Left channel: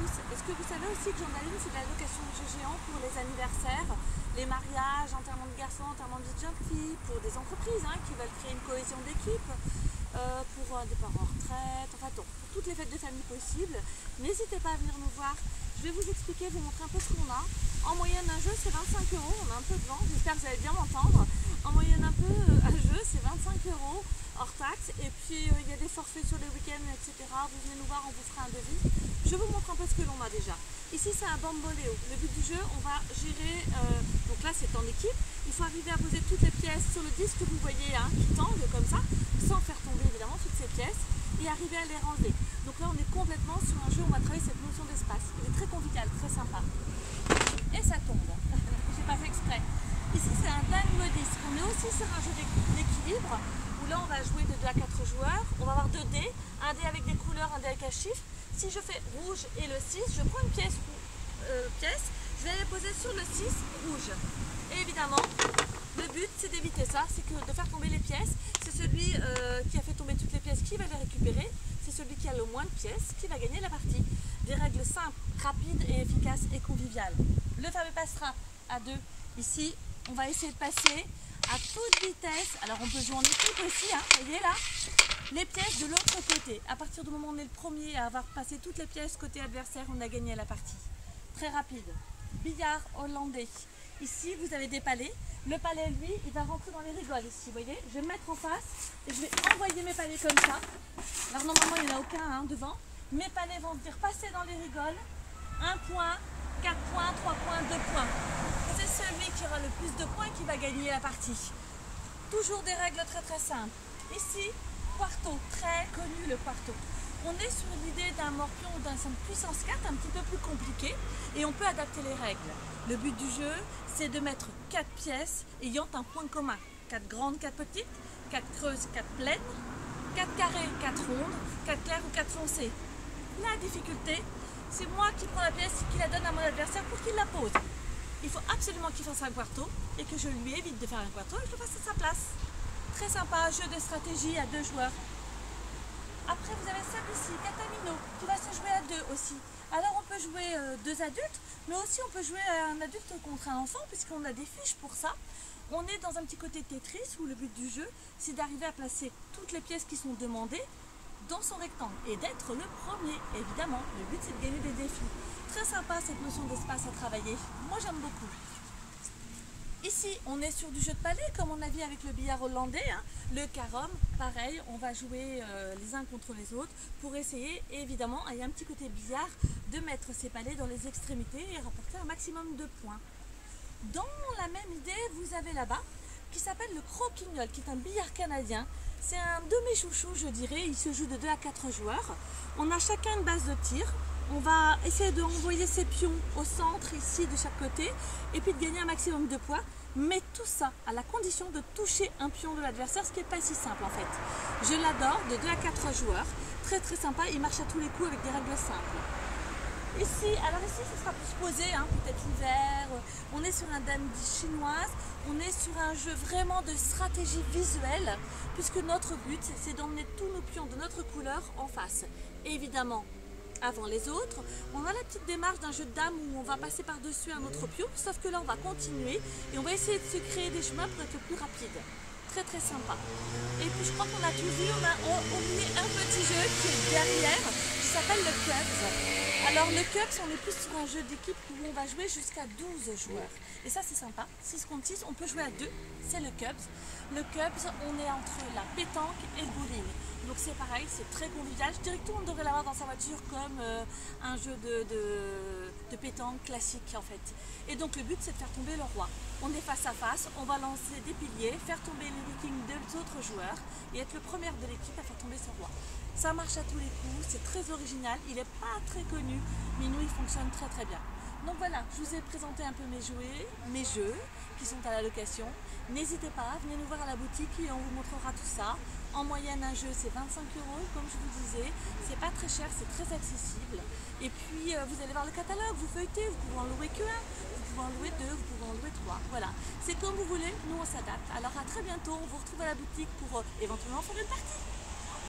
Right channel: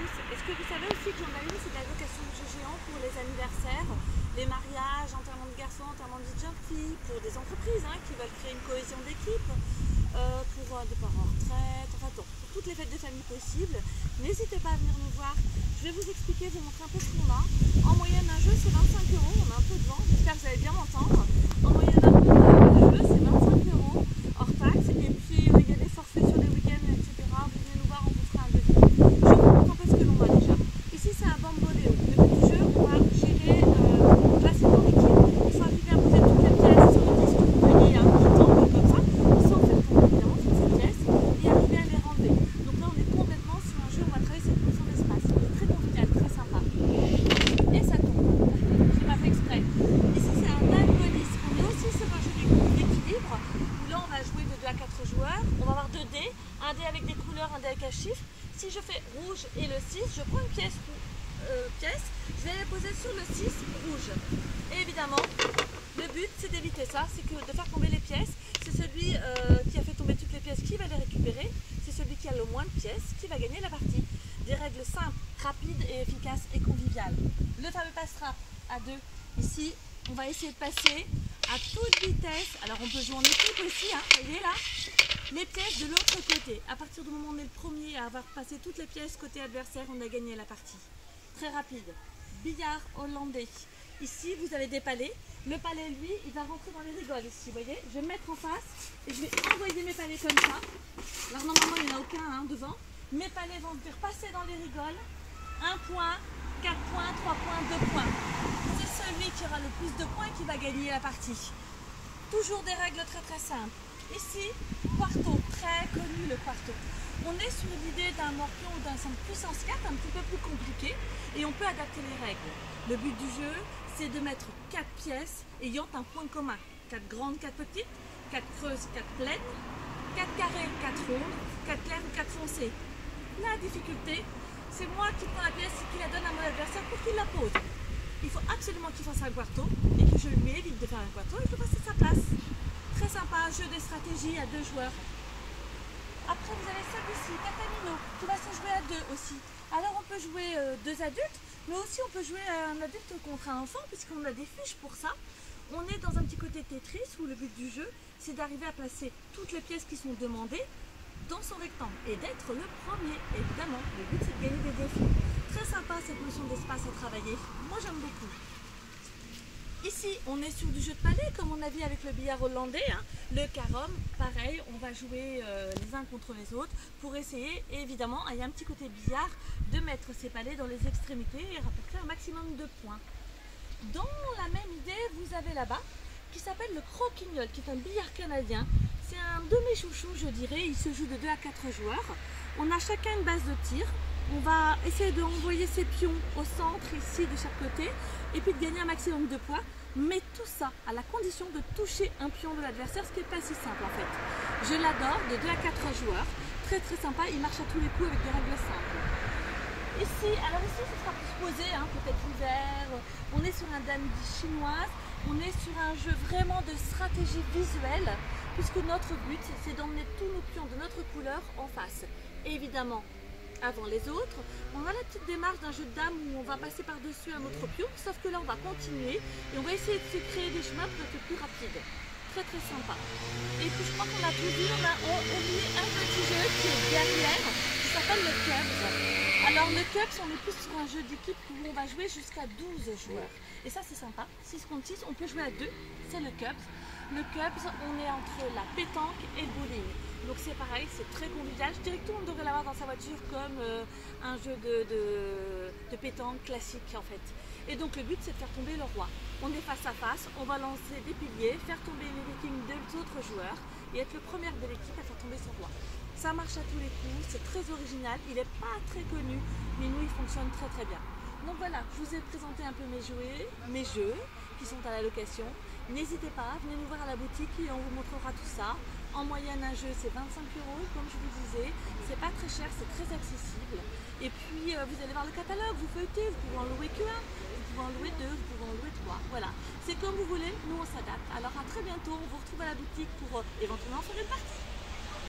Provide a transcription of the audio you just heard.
tous. Est-ce que vous savez aussi que Journaline, c'est de la location de jeux géants pour les anniversaires, les mariages, enterrement de garçons, enterrement de vie de jeune fille, pour des entreprises qui veulent créer une cohésion d'équipe, pour des parents en retraite, enfin pour toutes les fêtes de famille possibles. N'hésitez pas à venir nous voir. Je vais vous expliquer, vous montrer un peu ce qu'on a. En moyenne, un jeu, c'est 25 €. On a un peu de vent, j'espère que vous allez bien m'entendre. En moyenne, un jeu, c'est 25 € hors taxe. Et puis, il y a des forfaits sur les week-ends, etc. Vous venez nous voir, on vous fera un devis. Je vous montre un peu ce que l'on a déjà. Ici, c'est un bamboléo. Le but du jeu, on va gérer, donc là, c'est dans l'équipe. Il faut arriver à poser toutes les pièces sur le disque. Vous voyez, qui tombe comme ça, sans faire tomber évidemment toutes ces pièces, et arriver à les renlever. Donc là, on est complètement sur un jeu où on va travailler cette notion d'espace. Il est très convivial, très sympa. Et ça tombe. J'ai pas fait exprès. Ici, c'est un dame police. On est aussi sur un jeu d'équilibre, où là, on va jouer de 2 à 4 joueurs. On va avoir 2 dés, un dé avec des couleurs, un dé avec un chiffre. Si je fais rouge et le 6, je prends une pièce, je vais la poser sur le 6 rouge. Et évidemment, le but c'est d'éviter ça, c'est que de faire tomber les pièces. C'est celui qui a fait tomber toutes les pièces qui va les récupérer. C'est celui qui a le moins de pièces qui va gagner la partie. Des règles simples, rapides et efficaces et conviviales. Le fameux passe-train à 2. Ici, on va essayer de passer à toute vitesse. Alors on peut jouer en équipe aussi, vous voyez là, les pièces de l'autre côté. À partir du moment où on est le premier à avoir passé toutes les pièces côté adversaire, on a gagné la partie. Très rapide. Billard hollandais. Ici, vous avez des palets. Le palet, lui, il va rentrer dans les rigoles ici, vous voyez. Je vais me mettre en face et je vais envoyer mes palets comme ça. Alors normalement, il n'y en a aucun devant. Mes palets vont venir passer dans les rigoles. 1 point, 4 points, 3 points, 2 points. C'est celui qui aura le plus de points qui va gagner la partie. Toujours des règles très très simples. Ici, quarto, très connu le quarto. On est sur l'idée d'un morpion ou d'un 5 puissance 4 un petit peu plus compliqué et on peut adapter les règles. Le but du jeu, c'est de mettre 4 pièces ayant un point commun. 4 grandes, 4 petites, 4 creuses, 4 pleines, 4 carrés, 4 rondes, 4 clairs ou 4 foncés. La difficulté, c'est moi qui prends la pièce et qui la donne à mon adversaire pour qu'il la pose. Il faut absolument qu'il fasse un quarto et que je lui évite de faire un quarto et que je le fasse à sa place. Très sympa, jeu de stratégie à 2 joueurs. Après, vous avez celui-ci, Catamino, qui va se jouer à 2 aussi. Alors, on peut jouer 2 adultes, mais aussi on peut jouer un adulte contre un enfant, puisqu'on a des fiches pour ça. On est dans un petit côté Tetris, où le but du jeu, c'est d'arriver à placer toutes les pièces qui sont demandées dans son rectangle et d'être le premier. Évidemment, le but, c'est de gagner des défis. Très sympa, cette notion d'espace à travailler. Moi, j'aime beaucoup. Ici, on est sur du jeu de palais, comme on a dit avec le billard hollandais. Le carom, pareil, on va jouer les uns contre les autres pour essayer, et évidemment, il y a un petit côté billard, de mettre ces palais dans les extrémités et rapporter un maximum de points. Dans la même idée, vous avez là-bas, qui s'appelle le croquignol, qui est un billard canadien. C'est un de mes chouchous, je dirais. Il se joue de 2 à 4 joueurs. On a chacun une base de tir. On va essayer d'envoyer ses pions au centre ici de chaque côté et puis de gagner un maximum de points. Mais tout ça à la condition de toucher un pion de l'adversaire, ce qui n'est pas si simple en fait. Je l'adore, de 2 à 4 joueurs. Très très sympa, il marche à tous les coups avec des règles simples. Ici, alors ici ce sera plus posé, peut-être l'hiver. On est sur un dandy chinoise, on est sur un jeu vraiment de stratégie visuelle, puisque notre but c'est d'emmener tous nos pions de notre couleur en face. Et évidemment, avant les autres, on a la petite démarche d'un jeu de dames où on va passer par-dessus un autre pion, sauf que là on va continuer et on va essayer de se créer des chemins pour être plus rapide. Très très sympa. Et puis je crois qu'on a tout vu, on a oublié un petit jeu qui est derrière, qui s'appelle le Cubs. Alors le Cubs, on est plus sur un jeu d'équipe où on va jouer jusqu'à 12 joueurs. Et ça c'est sympa, 6 contre 6, on peut jouer à 2, c'est le Cubs. Le Cubs, on est entre la pétanque et le bowling. Donc c'est pareil, c'est très convivial. Je dirais que tout le monde devrait l'avoir dans sa voiture comme un jeu de pétanque classique en fait. Et donc le but c'est de faire tomber le roi. On est face à face, on va lancer des piliers, faire tomber les vikings des autres joueurs et être le premier de l'équipe à faire tomber son roi. Ça marche à tous les coups, c'est très original, il n'est pas très connu, mais nous il fonctionne très très bien. Donc voilà, je vous ai présenté un peu mes jeux qui sont à la location. N'hésitez pas, venez nous voir à la boutique et on vous montrera tout ça. En moyenne, un jeu c'est 25 €, comme je vous disais. C'est pas très cher, c'est très accessible. Et puis vous allez voir le catalogue, vous feuilletez, vous pouvez en louer qu'un, vous pouvez en louer 2, vous pouvez en louer 3. Voilà, c'est comme vous voulez, nous on s'adapte. Alors à très bientôt, on vous retrouve à la boutique pour éventuellement faire une partie.